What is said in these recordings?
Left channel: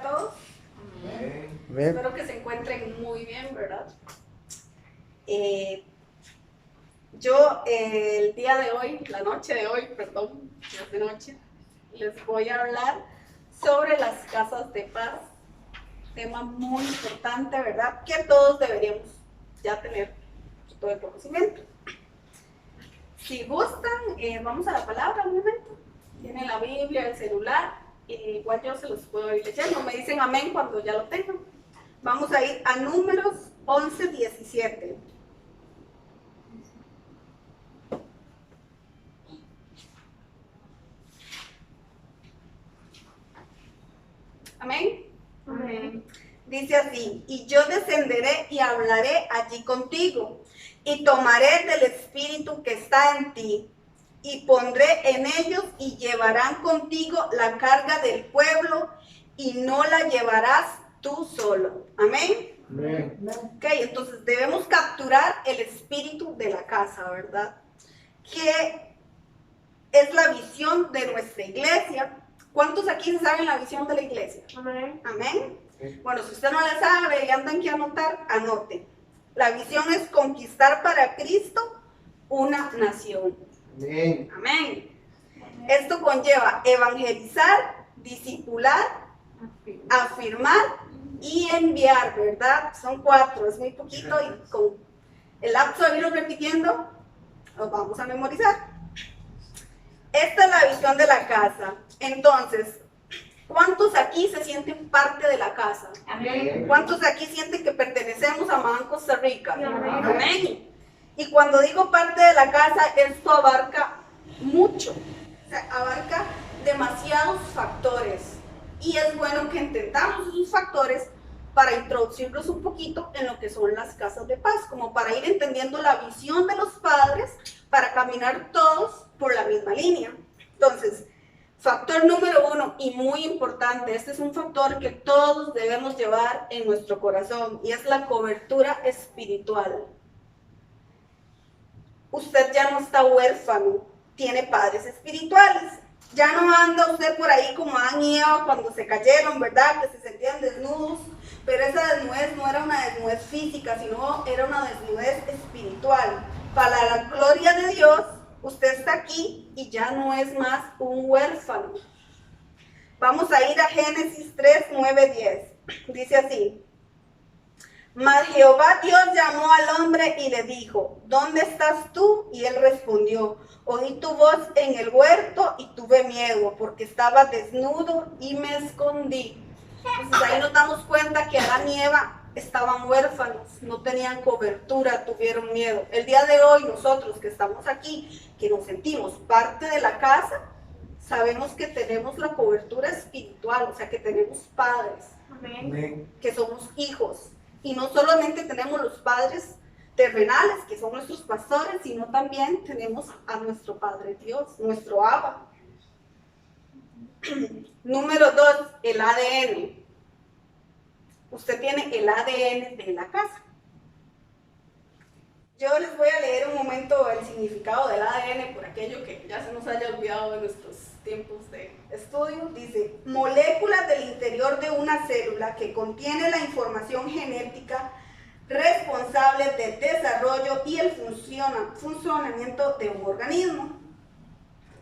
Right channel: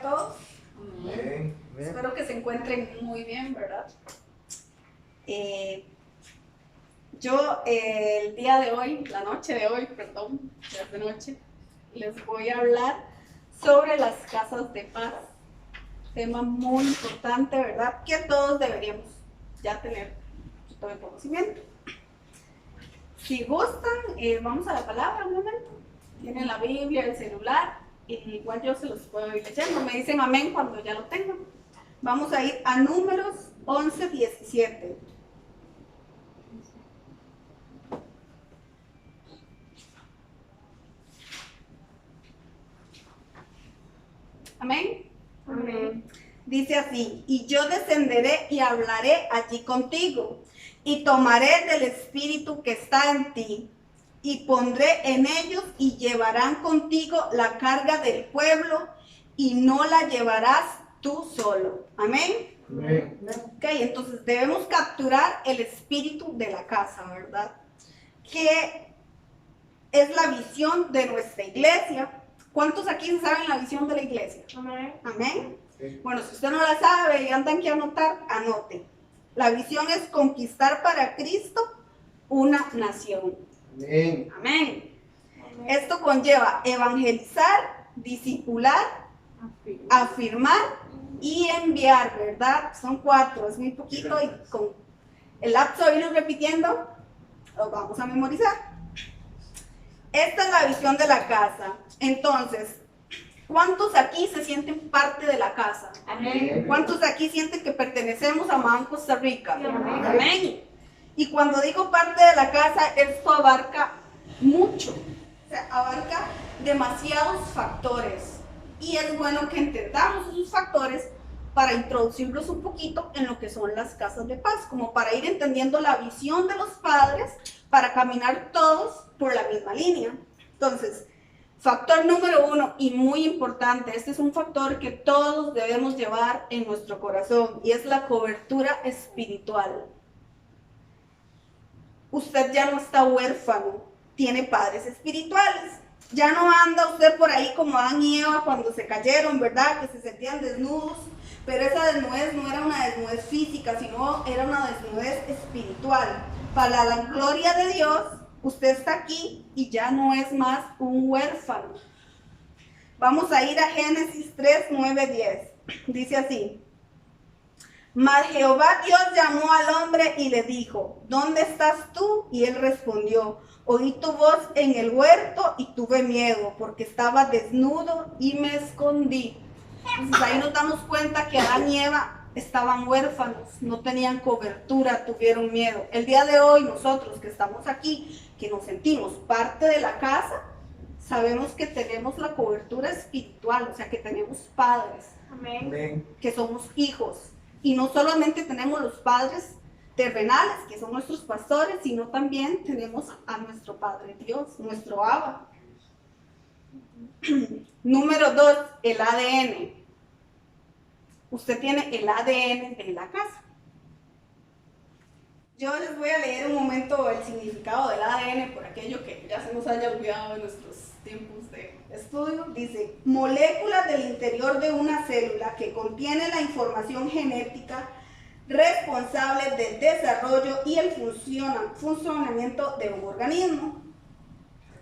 a todos. Amén. Espero que se encuentren muy bien, ¿verdad? Yo el día de hoy, la noche de hoy, perdón, ya es de noche, les voy a hablar sobre las casas de paz. Tema muy importante, ¿verdad? Que todos deberíamos ya tener todo el conocimiento. Si gustan, vamos a la palabra un momento. Tienen la Biblia, el celular, igual yo se los puedo ir leyendo. Me dicen amén cuando ya lo tengan. Vamos a ir a Números 11:17. Amén. Amén. Dice así: y yo descenderé y hablaré allí contigo, y tomaré del espíritu que está en ti, y pondré en ellos, y llevarán contigo la carga del pueblo, y no la llevarás tú solo. Amén. Amén. Ok, entonces debemos capturar el espíritu de la casa, ¿verdad? Que es la visión de nuestra iglesia. ¿Cuántos aquí saben la visión de la iglesia? Amén. Amén. Sí. Bueno, si usted no la sabe y andan que anotar, anote. La visión es conquistar para Cristo una nación. Amén. Amén. Esto conlleva evangelizar, discipular, afirmar y enviar, ¿verdad? Son 4, es muy poquito y con el lapso de irlo repitiendo, los vamos a memorizar. Esta es la visión de la casa. Entonces, ¿cuántos aquí se sienten parte de la casa? Amén. ¿Cuántos aquí sienten que pertenecemos a Man Costa Rica? Sí, amén. Amén. Y cuando digo parte de la casa, esto abarca mucho, o sea, abarca demasiados factores. Y es bueno que entendamos esos factores para introducirlos un poquito en lo que son las casas de paz, como para ir entendiendo la visión de los padres, para caminar todos por la misma línea. Entonces, factor número 1 y muy importante, este es un factor que todos debemos llevar en nuestro corazón y es la cobertura espiritual. Usted ya no está huérfano, tiene padres espirituales. Ya no anda usted por ahí como Adán y Eva cuando se cayeron, ¿verdad? Que se sentían desnudos, pero esa desnudez no era una desnudez física, sino era una desnudez espiritual. Para la gloria de Dios, usted está aquí y ya no es más un huérfano. Vamos a ir a Génesis 3, 9, 10. Dice así: mas Jehová Dios llamó al hombre y le dijo: ¿dónde estás tú? Y él respondió: oí tu voz en el huerto y tuve miedo, porque estaba desnudo y me escondí. Entonces ahí nos damos cuenta que Adán y Eva estaban huérfanos, no tenían cobertura, tuvieron miedo. El día de hoy nosotros que estamos aquí, que nos sentimos parte de la casa, sabemos que tenemos la cobertura espiritual, o sea que tenemos padres, Amén. Amén. que somos hijos. Y no solamente tenemos los padres terrenales, que son nuestros pastores, sino también tenemos a nuestro Padre Dios, nuestro Abba. Número 2, el ADN. Usted tiene el ADN de la casa. Yo les voy a leer un momento el significado del ADN por aquello que ya se nos haya olvidado en nuestros tiempos de estudio. Dice: moléculas del interior de una célula que contiene la información genética responsable del desarrollo y el funcionamiento de un organismo.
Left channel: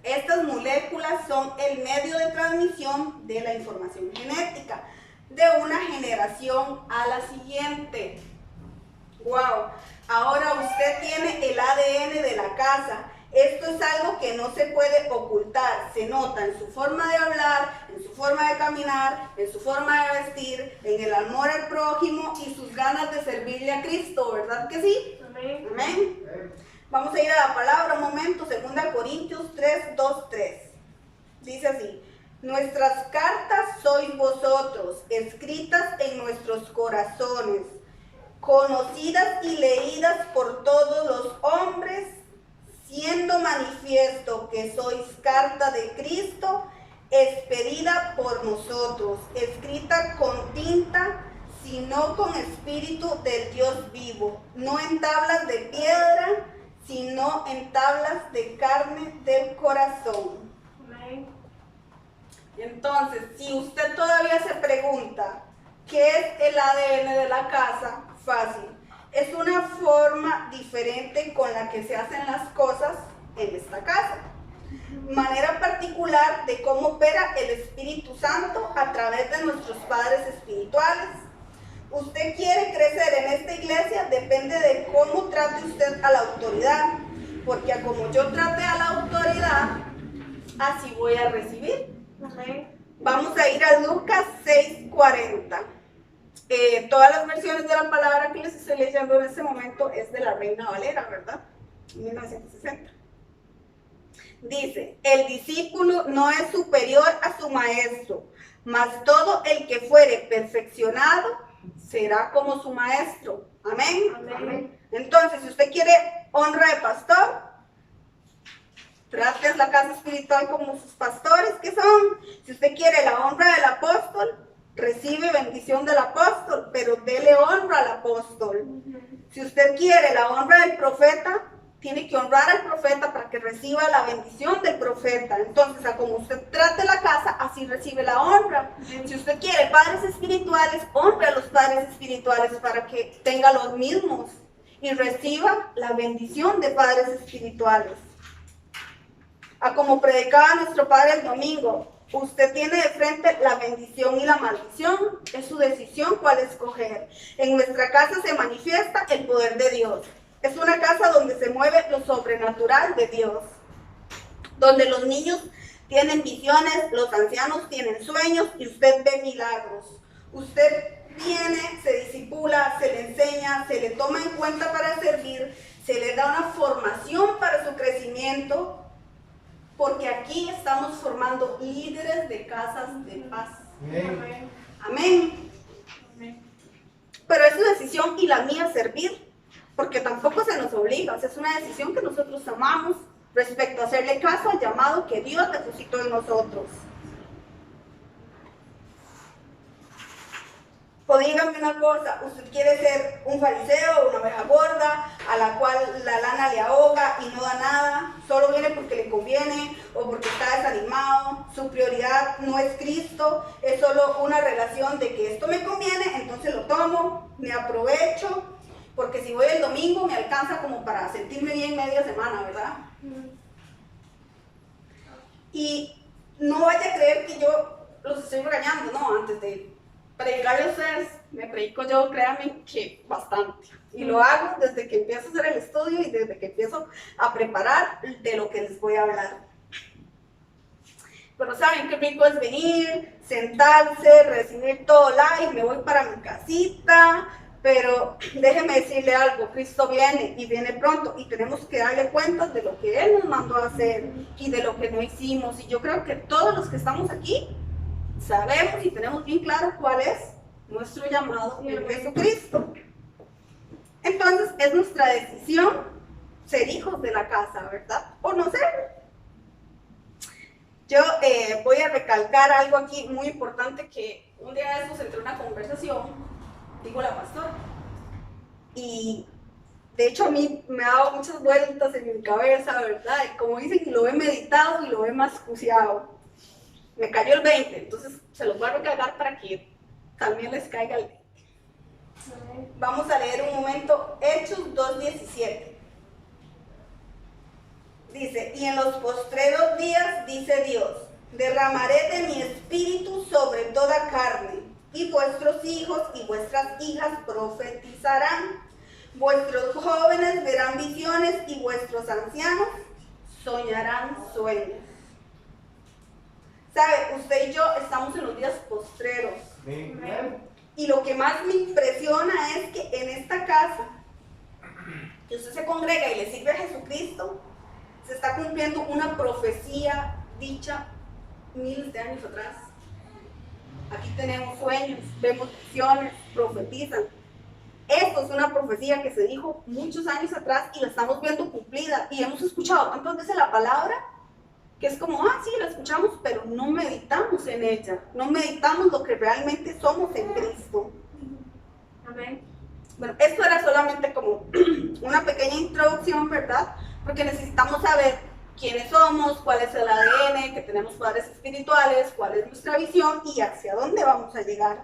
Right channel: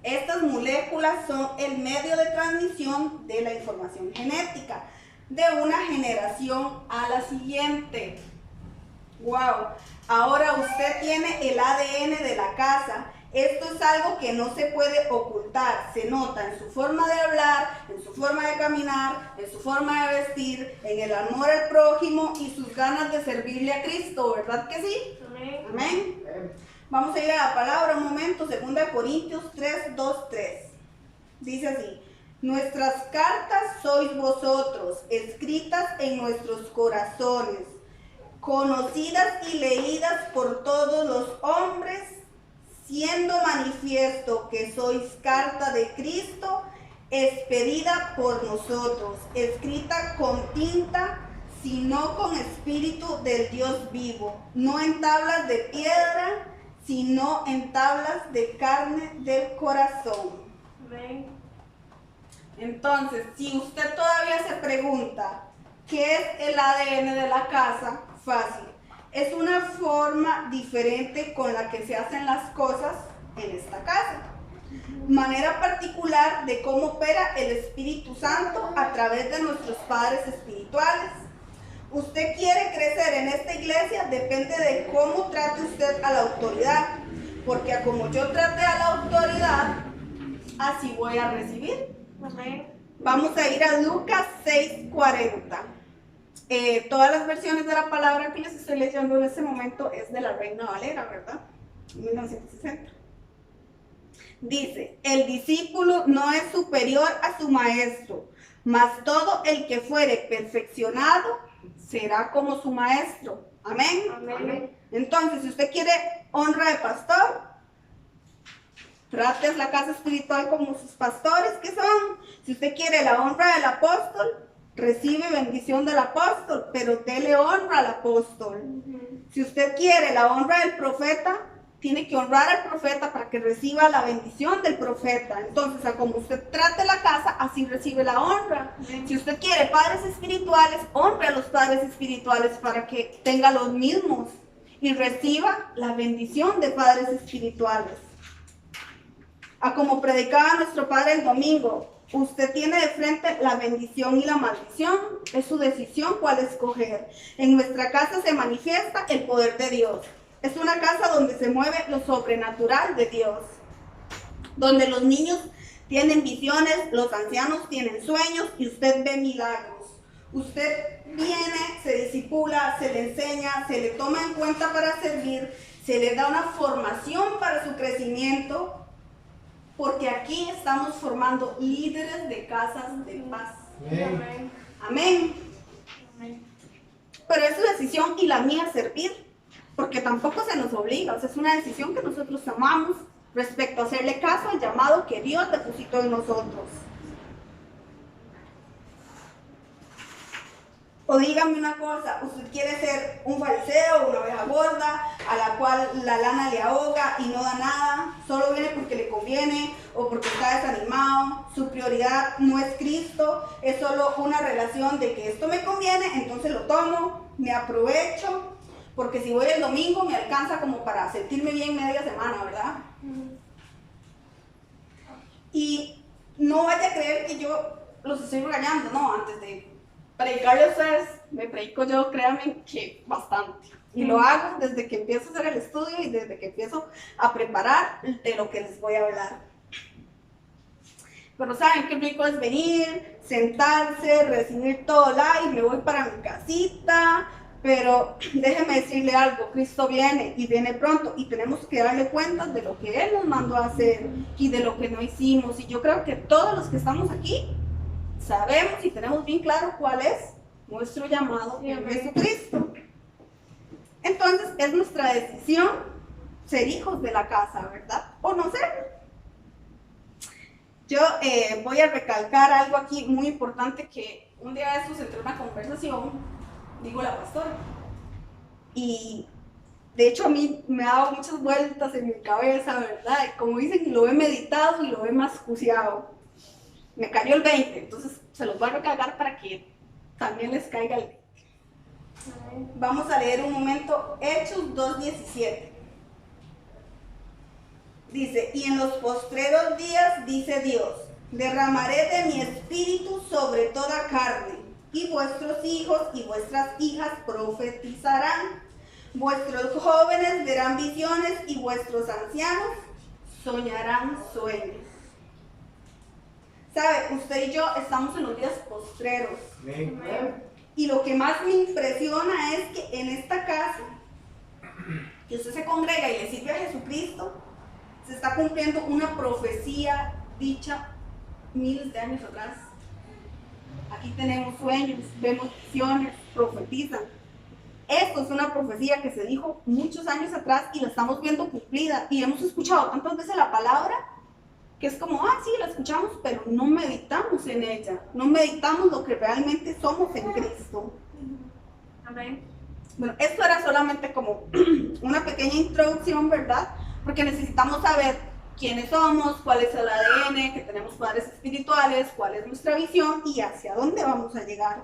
Estas moléculas son el medio de transmisión de la información genética de una generación a la siguiente. ¡Wow! Ahora usted tiene el ADN de la casa. Esto es algo que no se puede ocultar. Se nota en su forma de hablar, en su forma de caminar, en su forma de vestir, en el amor al prójimo y sus ganas de servirle a Cristo, ¿verdad que sí? Amén. Amén. Vamos a ir a la palabra un momento, 2 Corintios 3, 2, 3. Dice así: nuestras cartas sois vosotros, escritas en nuestros corazones, conocidas y leídas por todos los hombres, siendo manifiesto que sois carta de Cristo, expedida por nosotros, escrita con tinta, sino con espíritu del Dios vivo, no en tablas de piedra, sino en tablas de carne del corazón. Amén. Entonces, si usted todavía se pregunta qué es el ADN de la casa, fácil. Es una forma diferente con la que se hacen las cosas en esta casa. Manera particular de cómo opera el Espíritu Santo a través de nuestros padres espirituales. Usted quiere crecer en esta iglesia, depende de cómo trate usted a la autoridad. Porque a como yo trate a la autoridad, así voy a recibir. Vamos a ir a Lucas 6:40. Todas las versiones de la palabra que les estoy leyendo en este momento es de la Reina Valera, ¿verdad? 1960. Dice, el discípulo no es superior a su maestro, mas todo el que fuere perfeccionado será como su maestro. Amén. Amén. Entonces, si usted quiere honra de pastor, trate la casa espiritual como sus pastores que son. Si usted quiere la honra del apóstol, recibe bendición del apóstol, pero dele honra al apóstol. Si usted quiere la honra del profeta, tiene que honrar al profeta para que reciba la bendición del profeta. Entonces, a como usted trate la casa, así recibe la honra. Si usted quiere padres espirituales, honre a los padres espirituales para que tenga los mismos y reciba la bendición de padres espirituales. A como predicaba nuestro padre el domingo, usted tiene de frente la bendición y la maldición. Es su decisión cuál escoger. En nuestra casa se manifiesta el poder de Dios. Es una casa donde se mueve lo sobrenatural de Dios. Donde los niños tienen visiones, los ancianos tienen sueños y usted ve milagros. Usted viene, se discipula, se le enseña, se le toma en cuenta para servir, se le da una formación para su crecimiento. Porque aquí estamos formando líderes de casas de paz. Amén. Amén. Pero es su decisión y la mía servir. Porque tampoco se nos obliga. O sea, es una decisión que nosotros tomamos respecto a hacerle caso al llamado que Dios depositó en nosotros. O dígame una cosa, usted quiere ser un fariseo o una oveja gorda a la cual la lana le ahoga y no da nada, solo viene porque le conviene o porque está desanimado, su prioridad no es Cristo, es solo una relación de que esto me conviene, entonces lo tomo, me aprovecho, porque si voy el domingo me alcanza como para sentirme bien media semana, ¿verdad? Y no vaya a creer que yo los estoy regañando, no, antes de predicarle a ustedes, me predico yo, créanme que bastante. Y lo hago desde que empiezo a hacer el estudio y desde que empiezo a preparar de lo que les voy a hablar. Pero saben qué rico es venir, sentarse, recibir todo live, me voy para mi casita. Pero déjeme decirle algo, Cristo viene y viene pronto y tenemos que darle cuenta de lo que Él nos mandó a hacer y de lo que no hicimos. Y yo creo que todos los que estamos aquí sabemos y tenemos bien claro cuál es nuestro llamado en Jesucristo. Entonces es nuestra decisión ser hijos de la casa, ¿verdad? O no serlo. Yo voy a recalcar algo aquí muy importante que un día de estos entró en una conversación, digo la pastora, y de hecho a mí me ha dado muchas vueltas en mi cabeza, ¿verdad? Y como dicen, lo he meditado y lo he mascuciado. Me cayó el 20, entonces se los voy a recargar para que también les caiga el 20. Vamos a leer un momento Hechos 2:17. Dice, y en los postreros días, dice Dios, derramaré de mi espíritu sobre toda carne, y vuestros hijos y vuestras hijas profetizarán, vuestros jóvenes verán visiones y vuestros ancianos soñarán sueños. ¿Sabe? Usted y yo estamos en los días postreros. Amén. Y lo que más me impresiona es que en esta casa, que usted se congrega y le sirve a Jesucristo, se está cumpliendo una profecía dicha miles de años atrás. Aquí tenemos sueños, vemos visiones, profetizan. Esto es una profecía que se dijo muchos años atrás y la estamos viendo cumplida. Y hemos escuchado tantas veces la palabra que es como, sí, la escuchamos, pero no meditamos en ella. No meditamos lo que realmente somos en Cristo. Amén. Bueno, esto era solamente como una pequeña introducción, ¿verdad? Porque necesitamos saber quiénes somos, cuál es el ADN, que tenemos padres espirituales, cuál es nuestra visión y hacia dónde vamos a llegar.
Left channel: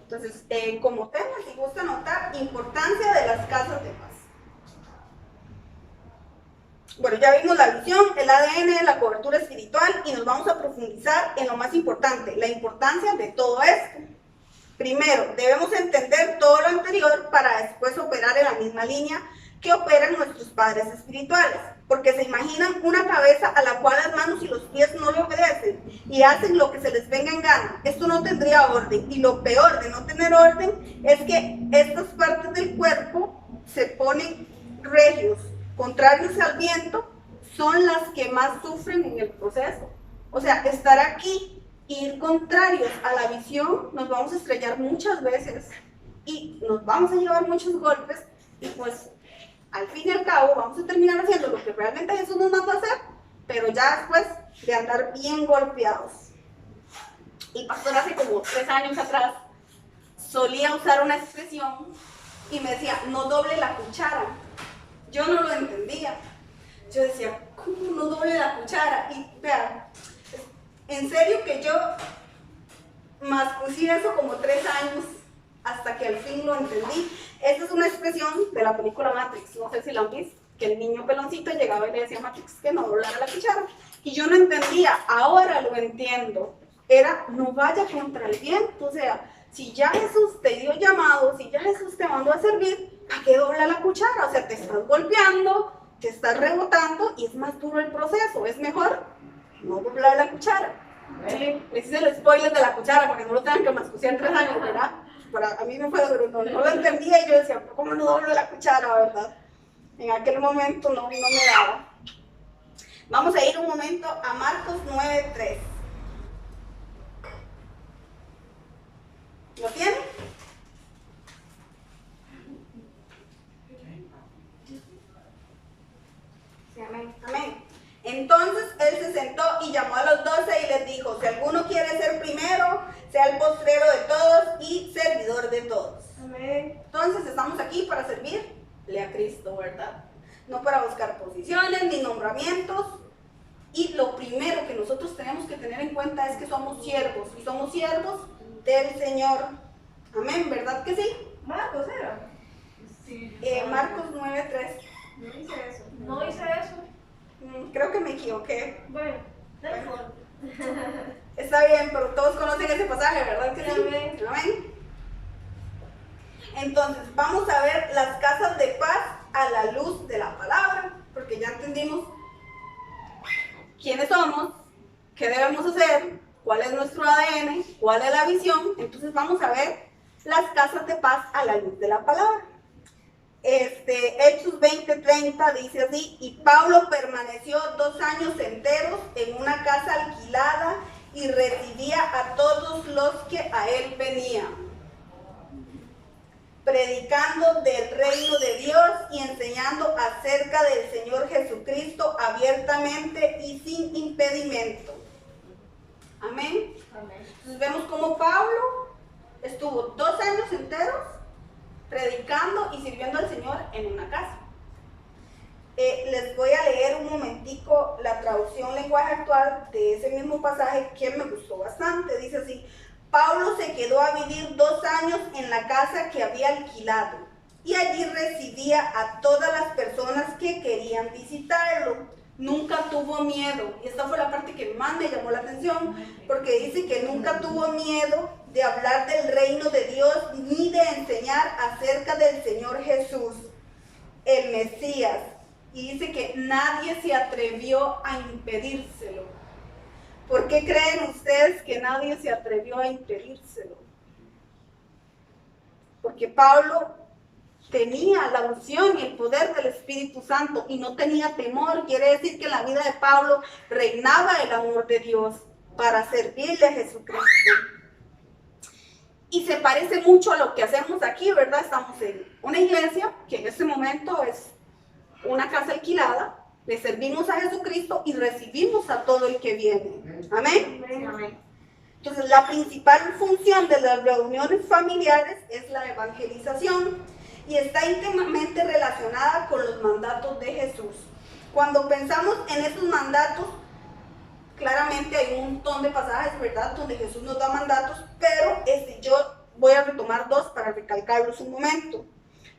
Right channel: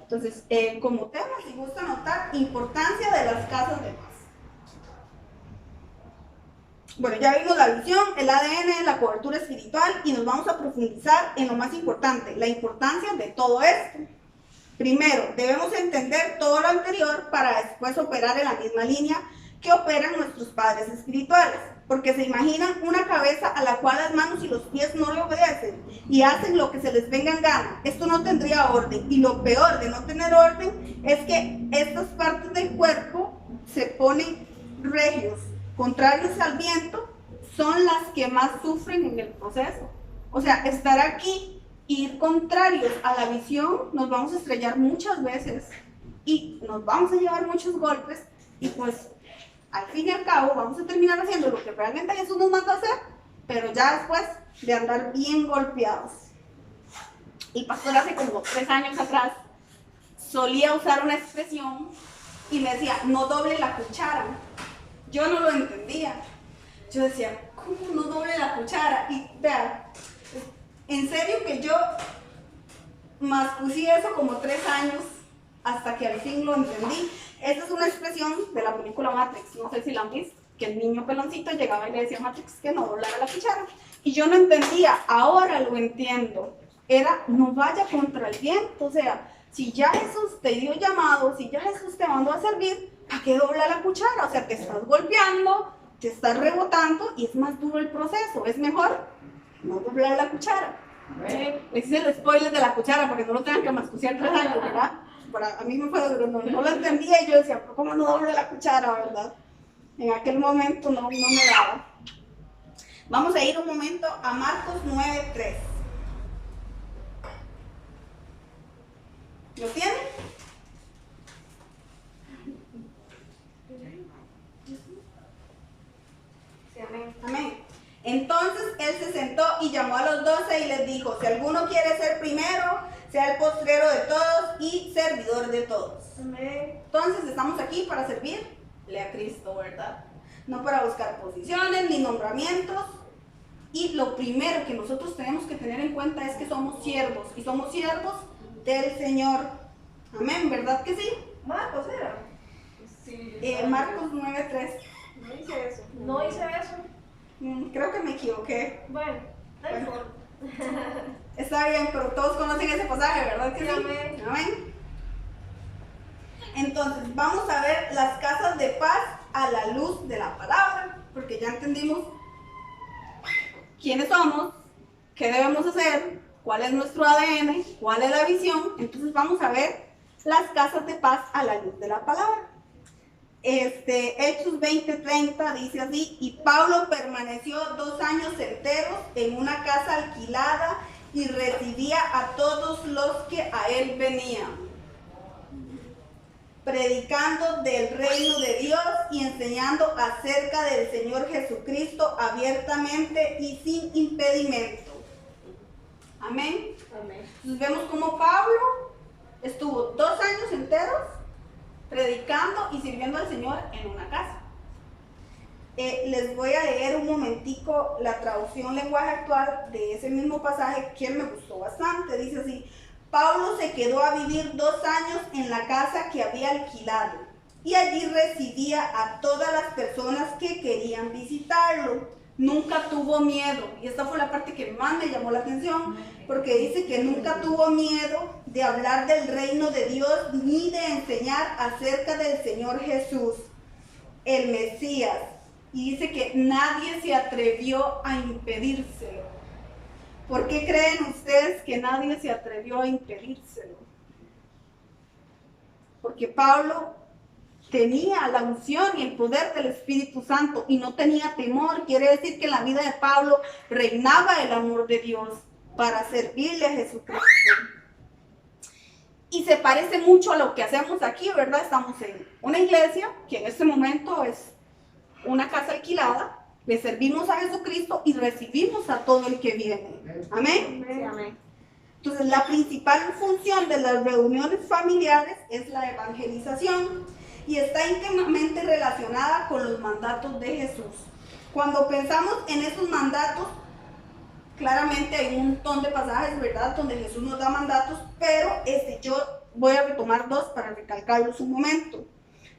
Entonces, como tema, si gusta anotar, importancia de las casas de paz. Bueno, ya vimos la visión, el ADN, la cobertura espiritual y nos vamos a profundizar en lo más importante, la importancia de todo esto. Primero, debemos entender todo lo anterior para después operar en la misma línea que operan nuestros padres espirituales, porque se imaginan una cabeza a la cual las manos y los pies no le obedecen y hacen lo que se les venga en gana. Esto no tendría orden, y lo peor de no tener orden es que estas partes del cuerpo se ponen regios, contrarios al viento, son las que más sufren en el proceso. O sea, estar aquí e ir contrarios a la visión, nos vamos a estrellar muchas veces y nos vamos a llevar muchos golpes y pues al fin y al cabo vamos a terminar haciendo lo que realmente Jesús nos mandó a hacer, pero ya después de andar bien golpeados. El pastor hace como 3 años atrás solía usar una expresión y me decía, no doble la cuchara. Yo no lo entendía. Yo decía, ¿cómo no doble la cuchara? Y vean, en serio que yo mascucí eso como 3 años hasta que al fin lo entendí. Esta es una expresión de la película Matrix, no sé si la han visto, que el niño peloncito llegaba y le decía a Matrix que no doblara la cuchara. Y yo no entendía, ahora lo entiendo. Era, no vaya contra el viento, o sea, si ya Jesús te dio llamado, si ya Jesús te mandó a servir, ¿para qué dobla la cuchara? O sea, te estás golpeando, te estás rebotando y es más duro el proceso. Es mejor no doblar la cuchara. Les hice el spoiler de la cuchara para que no lo tengan que mascuciar 3 años, ¿verdad? A mí me fue duro, no lo entendía y yo decía, ¿cómo no doblo la cuchara, verdad? En aquel momento no me daba. Vamos a ir un momento a Marcos 9:3. ¿Lo tienen? Sí, amén. Amén. Entonces él se sentó y llamó a los 12 y les dijo, si alguno quiere ser primero, sea el postrero de todos y servidor de todos. Amén. Entonces estamos aquí para servirle a Cristo, ¿verdad? No para buscar posiciones ni nombramientos. Y lo primero que nosotros tenemos que tener en cuenta es que somos siervos y somos siervos del Señor. Amén, ¿verdad que sí? Marcos era. Sí, Marcos 9:3. no hice eso. No hice eso. Creo que me equivoqué. Bueno, no importa. Está bien, pero todos conocen ese pasaje, ¿verdad que sí? Amén. Amén. Entonces, vamos a ver las casas de paz a la luz de la palabra, porque ya entendimos quiénes somos, qué debemos hacer, cuál es nuestro ADN, cuál es la visión. Entonces vamos a ver las casas de paz a la luz de la palabra. Hechos 20:30 dice así, y Pablo permaneció 2 años enteros en una casa alquilada y recibía a todos los que a él venían, predicando del reino de Dios y enseñando acerca del Señor Jesucristo abiertamente y sin impedimento. Amén. Amén. Entonces vemos cómo Pablo estuvo 2 años enteros predicando y sirviendo al Señor en una casa. Les voy a leer un momentico la traducción lenguaje actual de ese mismo pasaje que me gustó bastante. Dice así, Pablo se quedó a vivir 2 años en la casa que había alquilado y allí recibía a todas las personas que querían visitarlo. Nunca tuvo miedo, y esta fue la parte que más me llamó la atención, porque dice que nunca tuvo miedo de hablar del reino de Dios ni de enseñar acerca del Señor Jesús, el Mesías, y dice que nadie se atrevió a impedírselo. ¿Por qué creen ustedes que nadie se atrevió a impedírselo? Porque Pablo tenía la unción y el poder del Espíritu Santo y no tenía temor. Quiere decir que en la vida de Pablo reinaba el amor de Dios para servirle a Jesucristo. Y se parece mucho a lo que hacemos aquí, ¿verdad? Estamos en una iglesia que en este momento es una casa alquilada, le servimos a Jesucristo y recibimos a todo el que viene. Amén. Amén. Entonces, la principal función de las reuniones familiares es la evangelización. y está íntimamente relacionada con los mandatos de Jesús. Cuando pensamos en esos mandatos, claramente hay un montón de pasajes, ¿verdad?, donde Jesús nos da mandatos, pero yo voy a retomar dos para recalcarlos un momento.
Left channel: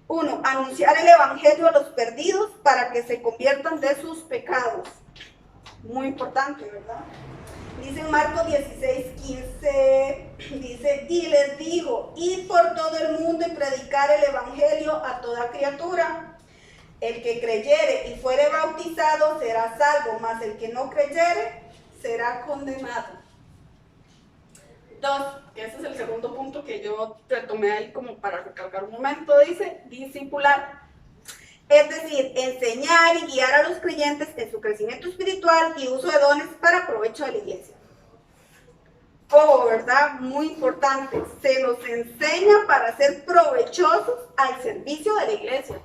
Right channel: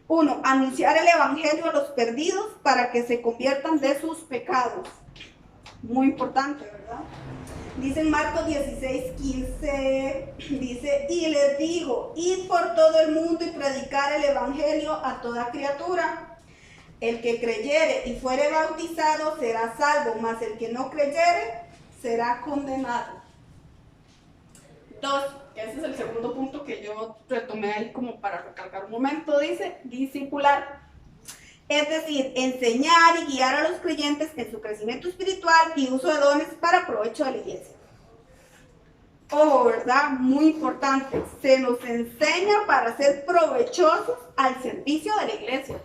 1. Anunciar el evangelio a los perdidos para que se conviertan de sus pecados. Muy importante, ¿verdad? Dice en Marcos 16:15, dice, y les digo, id por todo el mundo y predicar el evangelio a toda criatura. El que creyere y fuere bautizado será salvo, mas el que no creyere será condenado. 2, ese es el segundo punto que yo retomé ahí como para recalcar un momento, dice, discipular. Es decir, enseñar y guiar a los creyentes en su crecimiento espiritual y uso de dones para provecho de la iglesia. Ojo, ¿verdad? Muy importante, se nos enseña para ser provechosos al servicio de la iglesia.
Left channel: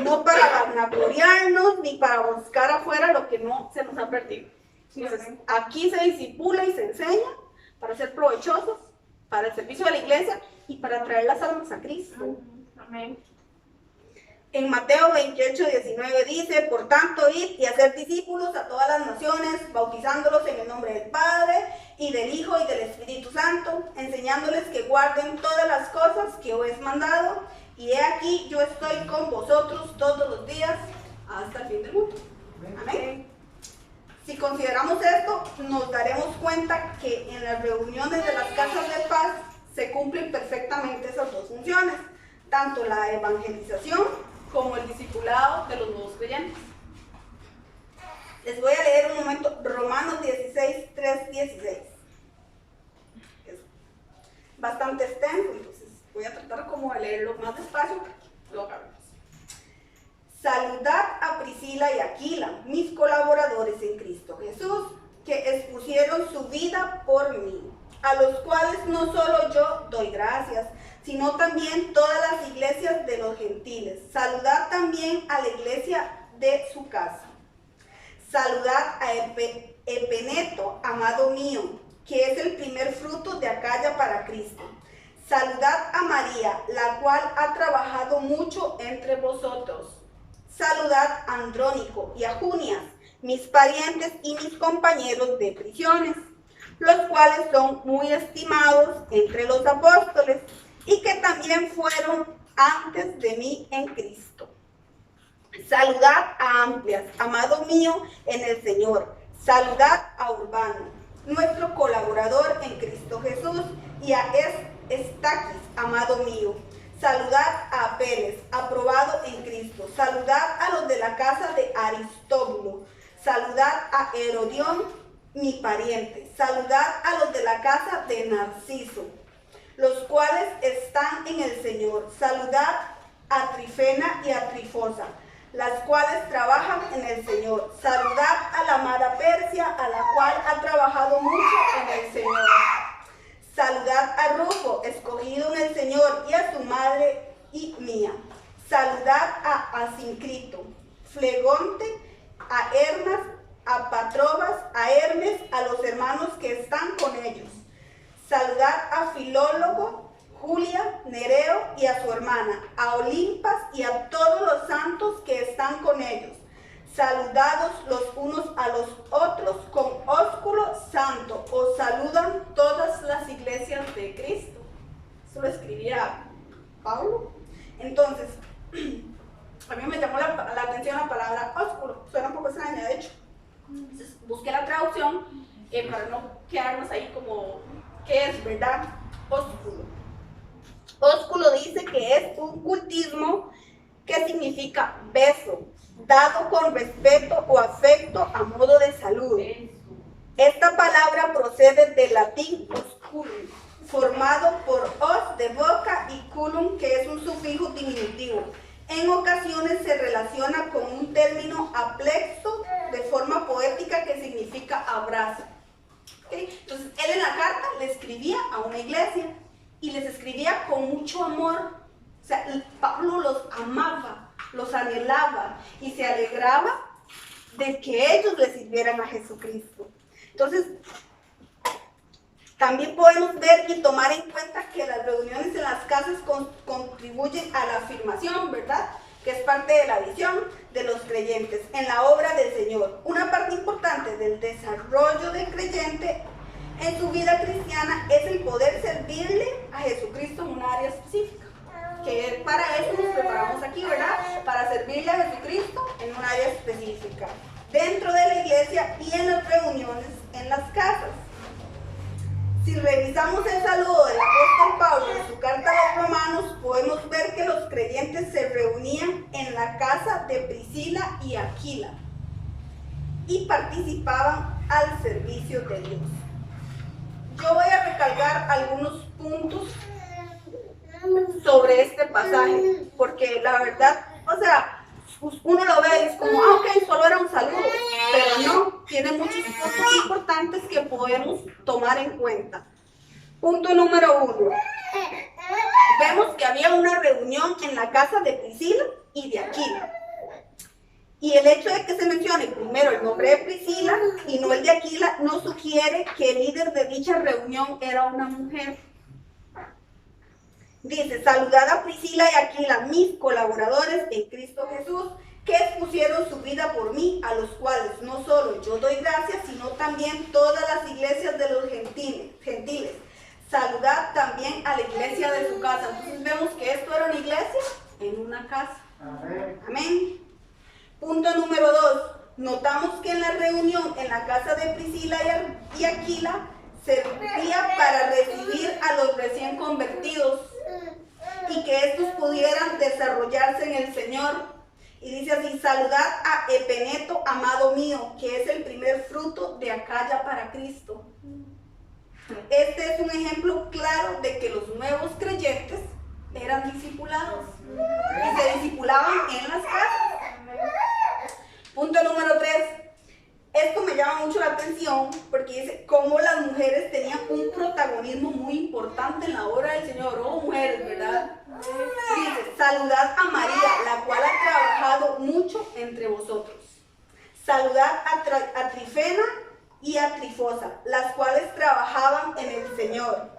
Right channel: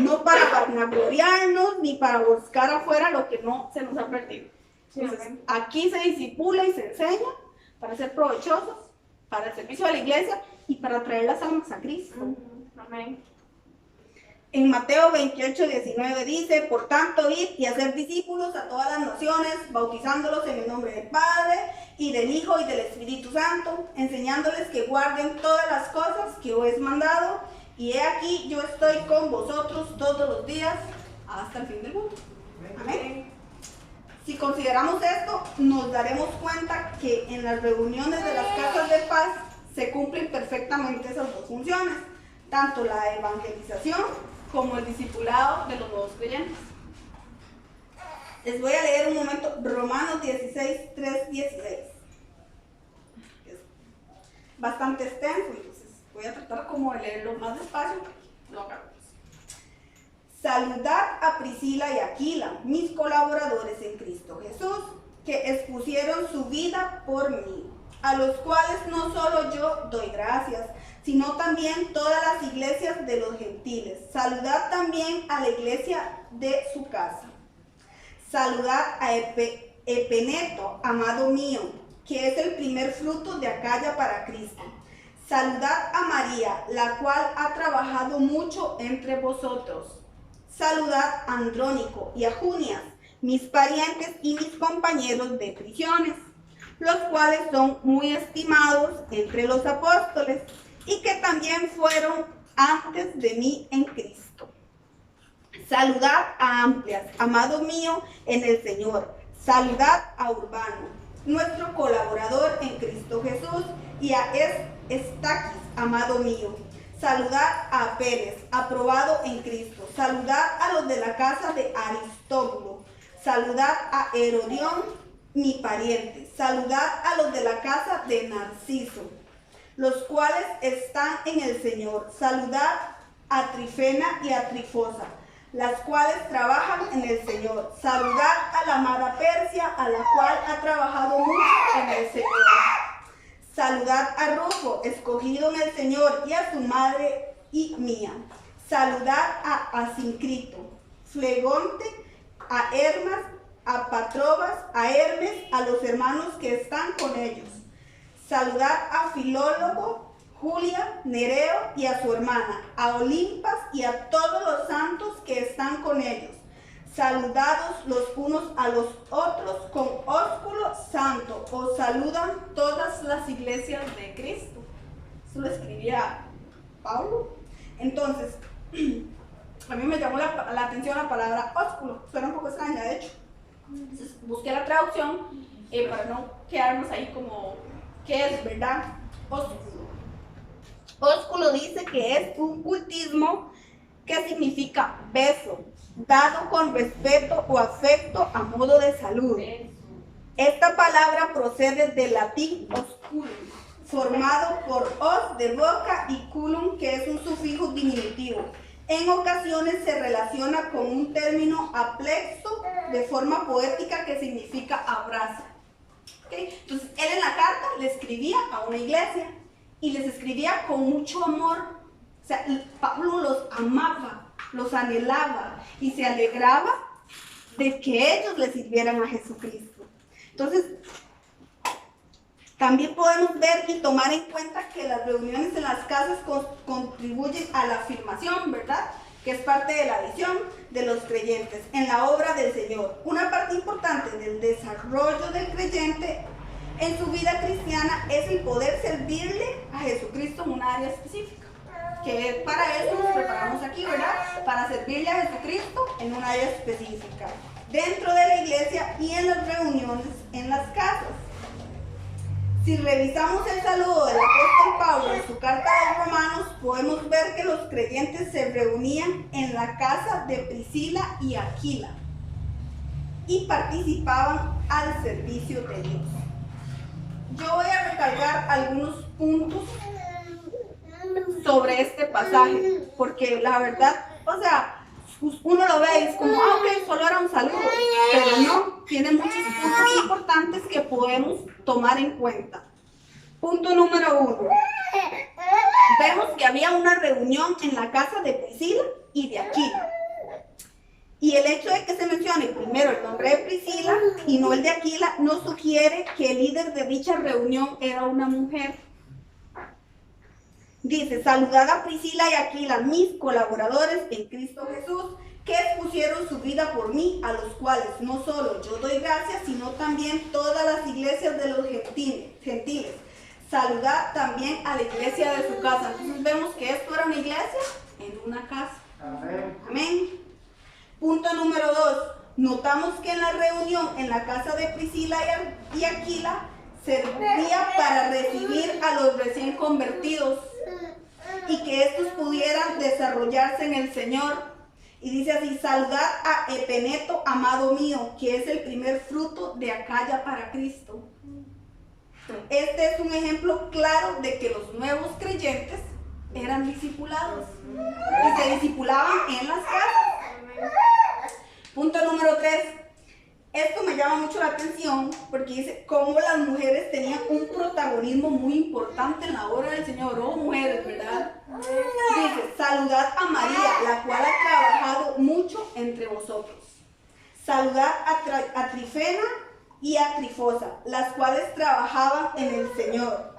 No para vanagloriarnos ni para buscar afuera lo que no se nos ha perdido. Entonces, aquí se discipula y se enseña para ser provechosos, para el servicio de la iglesia y para traer las almas a Cristo. Amén. En Mateo 28:19 dice, por tanto, id y hacer discípulos a todas las naciones, bautizándolos en el nombre del Padre y del Hijo y del Espíritu Santo, enseñándoles que guarden todas las cosas que os he mandado, y he aquí, yo estoy con vosotros todos los días hasta el fin del mundo. Amén. Si consideramos esto, nos daremos cuenta que en las reuniones de las casas de paz se cumplen perfectamente esas dos funciones, tanto la evangelización como el discipulado de los nuevos creyentes. Les voy a leer un momento Romanos 16:3-16. Es bastante extenso, entonces voy a tratar como de leerlo más despacio, lo hagamos. Saludad a Priscila y Aquila, mis colaboradores en Cristo Jesús, que expusieron su vida por mí, a los cuales no solo yo doy gracias, sino también todas las iglesias de los gentiles. Saludad también a la iglesia de su casa. Saludad a Epeneto, amado mío, que es el primer fruto de Acaya para Cristo. Saludad a María, la cual ha trabajado mucho entre vosotros. Saludad a Andrónico y a Junias, mis parientes y mis compañeros de prisiones, los cuales son muy estimados entre los apóstoles y que también fueron antes de mí en Cristo. Saludad a Amplias, amado mío en el Señor. Saludad a Urbano, nuestro colaborador en Cristo Jesús, y a Estaquis, amado mío. Saludad a Apeles, aprobado en Cristo. Saludad a los de la casa de Aristóbulo. Saludad a Herodión, mi pariente. Saludad a los de la casa de Narciso, los cuales están en el Señor. Saludad a Trifena y a Trifosa, las cuales trabajan en el Señor. Saludad a la amada Persia, a la cual ha trabajado mucho en el Señor. Saludad a Rufo, escogido en el Señor, y a su madre y mía. Saludad a Asincrito, Flegonte, a Hermas, a Patrobas, a Hermes, a los hermanos que están con ellos. Saludad a Filólogo, Julia, Nereo y a su hermana, a Olimpas y a todos los santos que están con ellos. Saludados los unos a los otros con ósculo santo. Os saludan todas las iglesias de Cristo. Eso lo escribía Pablo. Entonces, a mí me llamó la atención la palabra ósculo. Suena un poco extraña, de hecho. Entonces, busqué la traducción para no quedarnos ahí como, ¿qué es, verdad? Ósculo. Ósculo dice que es un cultismo que significa beso, dado con respeto o afecto a modo de saludo. Esta palabra procede del latín osculum, formado por os de boca y culum, que es un sufijo diminutivo. En ocasiones se relaciona con un término aplexo de forma poética que significa abrazo. ¿Okay? Entonces, él en la carta le escribía a una iglesia y les escribía con mucho amor. O sea, Pablo los amaba, los anhelaba y se alegraba de que ellos le sirvieran a Jesucristo. Entonces, También podemos ver y tomar en cuenta que las reuniones en las casas contribuyen a la afirmación, ¿verdad? Que es parte de la visión de los creyentes en la obra del Señor. Una parte importante del desarrollo del creyente en su vida cristiana es el poder servirle a Jesucristo en un área específica. Que para eso nos preparamos aquí, ¿verdad? Para servirle a Jesucristo en un área específica, dentro de la iglesia y en las reuniones en las casas. Si revisamos el saludo del apóstol Pablo en su carta a los Romanos, podemos ver que los creyentes se reunían en la casa de Priscila y Aquila y participaban al servicio de Dios. Yo voy a recalcar algunos puntos sobre este pasaje, porque la verdad, o sea, uno lo ve y es como, ok, solo era un saludo, pero no, tiene muchos puntos importantes que podemos tomar en cuenta. Punto número 1. Vemos que había una reunión en la casa de Priscila y de Aquila. Y el hecho de que se mencione primero el nombre de Priscila y no el de Aquila no sugiere que el líder de dicha reunión era una mujer. Dice, saludad a Priscila y Aquila, mis colaboradores en Cristo Jesús, que expusieron su vida por mí, a los cuales no solo yo doy gracias, sino también todas las iglesias de los gentiles. Saludad también a la iglesia de su casa. Entonces vemos que esto era una iglesia en una casa. Amén. Amén. Punto número 2. Notamos que en la reunión en la casa de Priscila y Aquila servía para recibir a los recién convertidos y que estos pudieran desarrollarse en el Señor. Y dice así, saludad a Epeneto, amado mío, que es el primer fruto de Acaya para Cristo. Este es un ejemplo claro de que los nuevos creyentes eran discipulados y se discipulaban en las casas. Punto número 3. Esto me llama mucho la atención porque dice cómo las mujeres tenían un protagonismo muy importante en la obra del Señor. Oh, mujeres, ¿verdad? Dice, saludad a María, la cual ha trabajado mucho entre vosotros. Saludad a Trifena y a Trifosa, las cuales trabajaban en el Señor.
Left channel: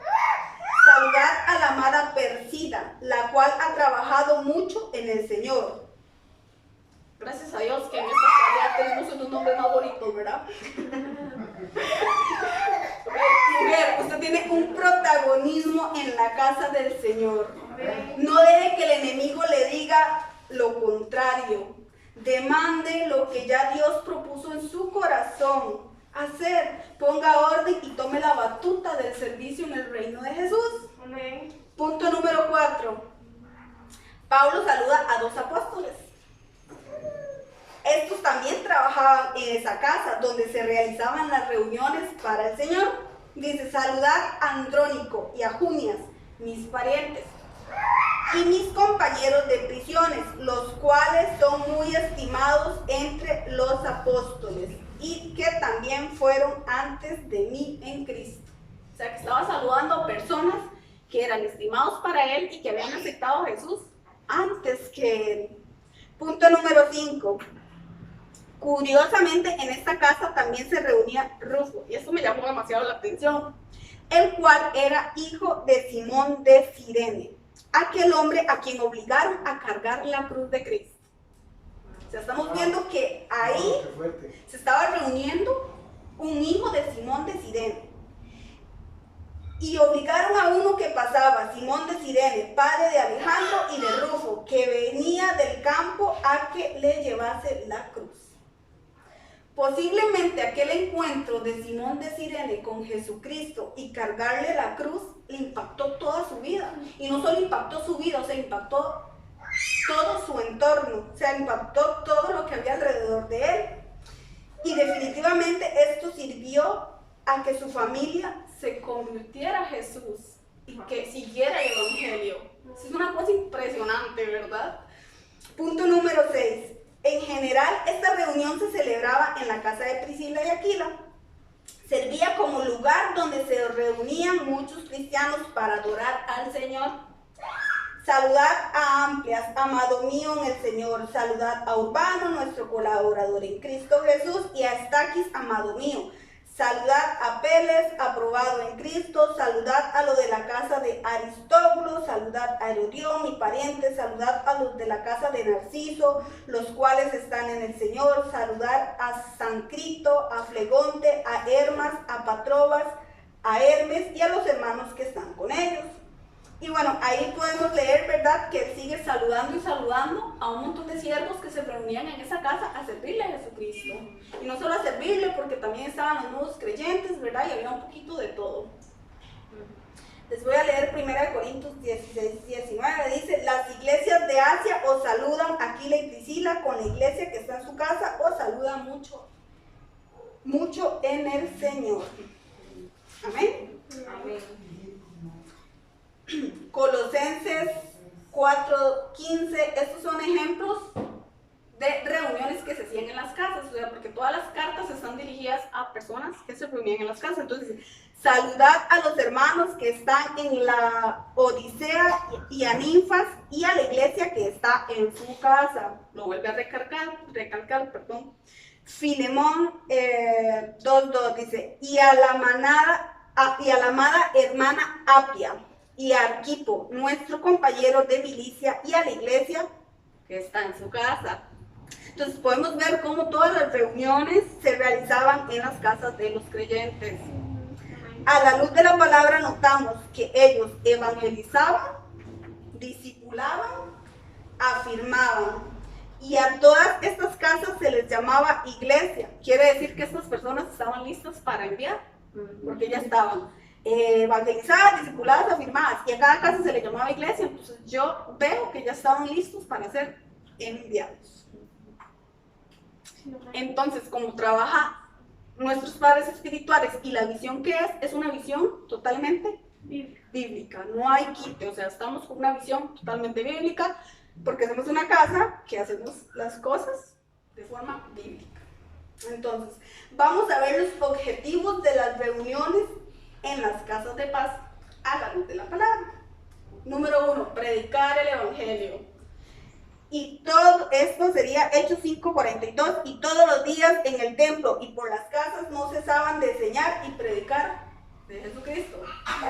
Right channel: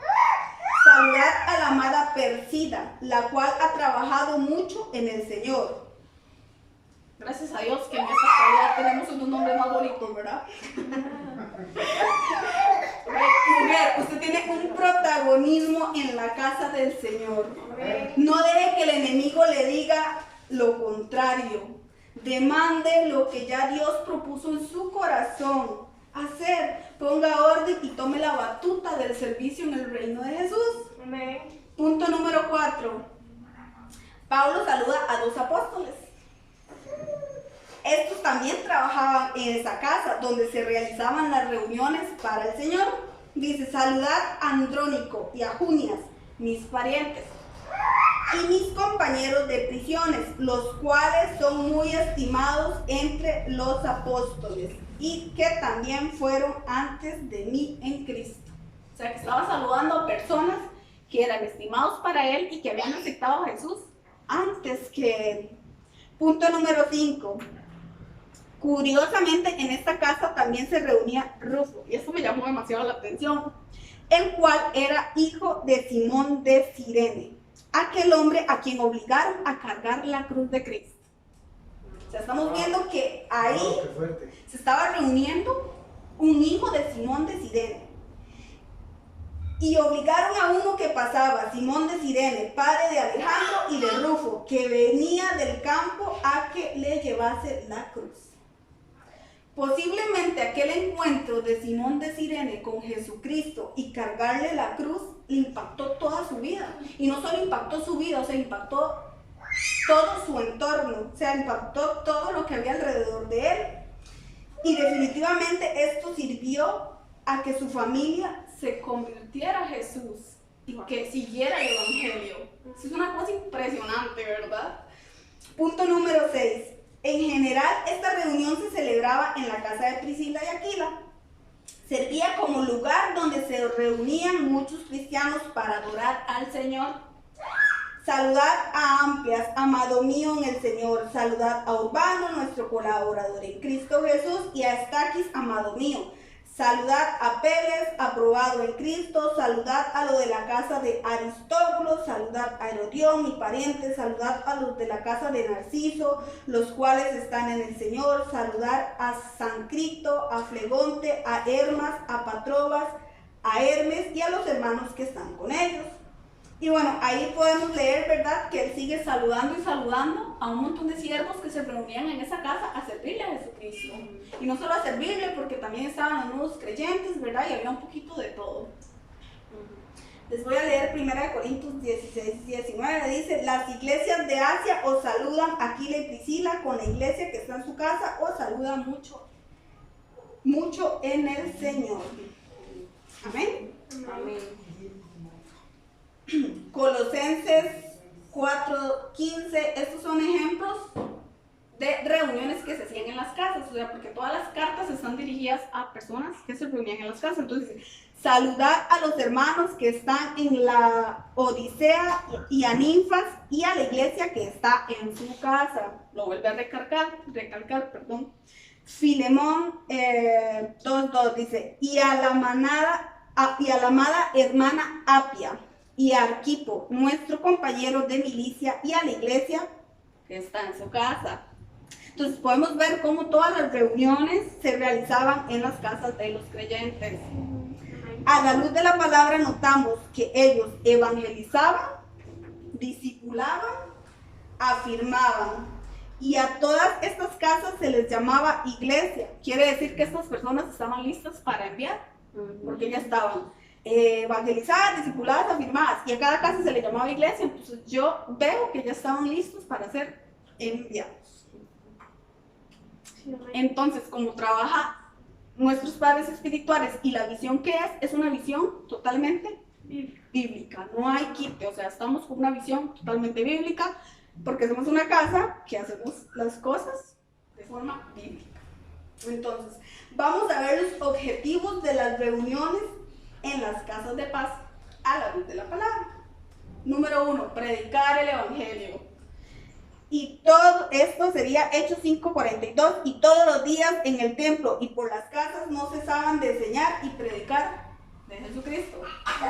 Saludad a la amada Persida, la cual ha trabajado mucho en el Señor. Gracias a Dios que en esta actualidad tenemos unos nombres más bonitos, ¿verdad? Mujer, usted tiene un protagonismo en la casa del Señor. No deje que el enemigo le diga lo contrario. Demande lo que ya Dios propuso en su corazón hacer. Ponga orden y tome la batuta del servicio en el reino de Jesús. Amén. Punto número 4. Pablo saluda a 2 apóstoles. Estos también trabajaban en esa casa donde se realizaban las reuniones para el Señor. Dice, saludad a Andrónico y a Junias, mis parientes, y mis compañeros de prisiones, los cuales son muy estimados entre los apóstoles y que también fueron antes de mí en Cristo. O sea, que estaba saludando a personas que eran estimados para él y que habían aceptado a Jesús antes que él. Punto número 5. Curiosamente, en esta casa también se reunía Rufo, y esto me llamó demasiado la atención, el cual era hijo de Simón de Cirene, aquel hombre a quien obligaron a cargar la cruz de Cristo. O sea, estamos viendo que ahí se estaba reuniendo un hijo de Simón de Cirene. Y obligaron a uno que pasaba, Simón de Cirene, padre de Alejandro y de Rufo, que venía del campo, a que le llevase la cruz. Posiblemente aquel encuentro de Simón de Cirene con Jesucristo y cargarle la cruz le impactó toda su vida. Y no solo impactó su vida, o sea, impactó todo su entorno, o sea, impactó todo lo que había alrededor de él. Y definitivamente esto sirvió a que su familia se convirtiera a Jesús y que siguiera el evangelio. Es una cosa impresionante, ¿verdad? Punto número 6. En general, esta reunión se celebraba en la casa de Priscila y Aquila. Servía como lugar donde se reunían muchos cristianos para adorar al Señor. Saludad a Amplias, amado mío en el Señor. Saludad a Urbano, nuestro colaborador en Cristo Jesús, y a Estaquis, amado mío. Saludad a Peles, aprobado en Cristo. Saludad a los de la casa de Aristóbulo. Saludad a Herodión, mi pariente. Saludad a los de la casa de Narciso, los cuales están en el Señor. Saludad a Sancrito, a Flegonte, a Hermas, a Patrobas, a Hermes y a los hermanos que están con ellos. Y bueno, ahí podemos leer, ¿verdad?, que él sigue saludando y saludando a un montón de siervos que se reunían en esa casa a servirle a Jesucristo. Y no solo a servirle, porque también estaban los nuevos creyentes, ¿verdad?, y había un poquito de todo. Les voy a leer 1 Corintios 16, 19, dice: las iglesias de Asia os saludan, Aquila y Priscila, con la iglesia que está en su casa, os saludan mucho, mucho en el Señor. Amén. Amén. Colosenses 4:15, estos son ejemplos de reuniones que se hacían en las casas, o sea, porque todas las cartas están dirigidas a personas que se reunían en las casas. Entonces, saludad a los hermanos que están en la Odisea y a Ninfas y a la iglesia que está en su casa. Lo vuelve a recalcar, Filemón 2:2 dice: y a la amada hermana Apia y a Arquipo, nuestro compañero de milicia, y a la iglesia que está en su casa. Entonces podemos ver cómo todas las reuniones se realizaban en las casas de los creyentes. A la luz de la palabra notamos que ellos evangelizaban, discipulaban, afirmaban, y a todas estas casas se les llamaba iglesia. Quiere decir que estas personas estaban listas para enviar, porque ya estaban evangelizadas, discipuladas, afirmadas, y a cada casa se le llamaba iglesia. Entonces yo veo que ya estaban listos para ser enviados. Entonces, como trabaja nuestros padres espirituales y la visión que es una visión totalmente bíblica, no hay quite, o sea, estamos con una visión totalmente bíblica, porque somos una casa que hacemos las cosas de forma bíblica. Entonces, vamos a ver los objetivos de las reuniones en las casas de paz a la luz de la palabra. Número 1, predicar el evangelio. Y todo esto sería Hechos 5:42, y todos los días en el templo y por las casas no cesaban de enseñar y predicar de Jesucristo.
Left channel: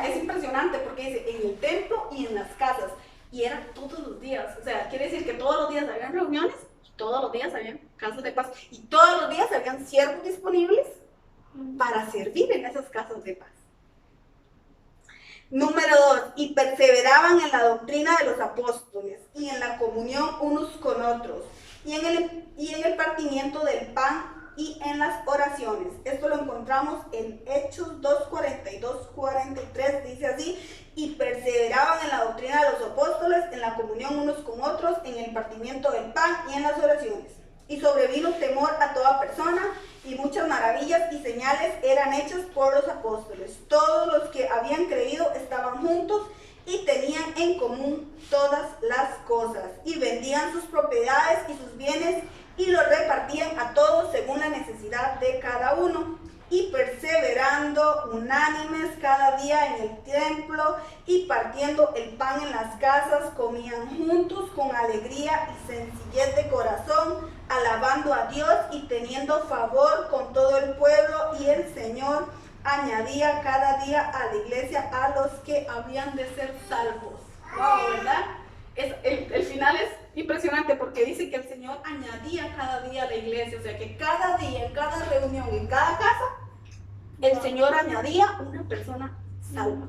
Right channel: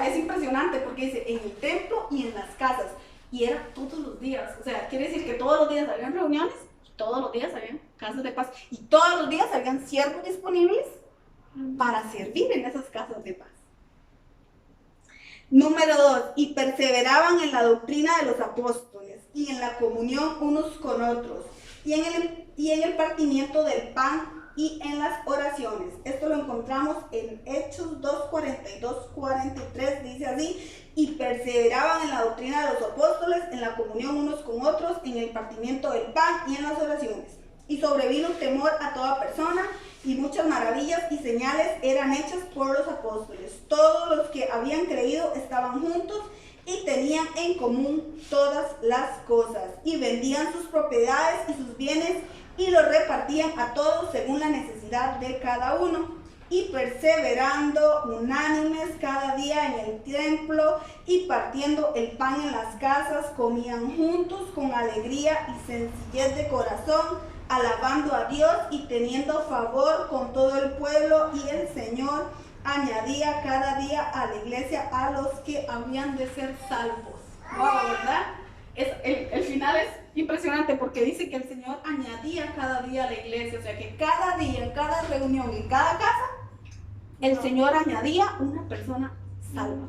Es impresionante porque dice en el templo y en las casas, y era todos los días. O sea, quiere decir que todos los días habían reuniones, todos los días habían casas de paz, y todos los días habían siervos disponibles para servir en esas casas de paz. Número 2, y perseveraban en la doctrina de los apóstoles y en la comunión unos con otros, y en el partimiento del pan y en las oraciones. Esto lo encontramos en Hechos 2:42-43, dice así: y perseveraban en la doctrina de los apóstoles, en la comunión unos con otros, en el partimiento del pan y en las oraciones. Y sobrevino temor a toda persona, y muchas maravillas y señales eran hechas por los apóstoles. Todos los que habían creído estaban juntos y tenían en común todas las cosas, y vendían sus propiedades y sus bienes y los repartían a todos según la necesidad de cada uno, y perseverando unánimes cada día en el templo y partiendo el pan en las casas, comían juntos con alegría y sencillez de corazón, alabando a Dios y teniendo favor con todo el pueblo, y el Señor añadía cada día a la iglesia a los que habían de ser salvos. Wow, ¿verdad? El final es impresionante porque dice que el Señor añadía cada día a la iglesia, o sea que cada día, en cada reunión, en cada casa, el Señor añadía una persona salva.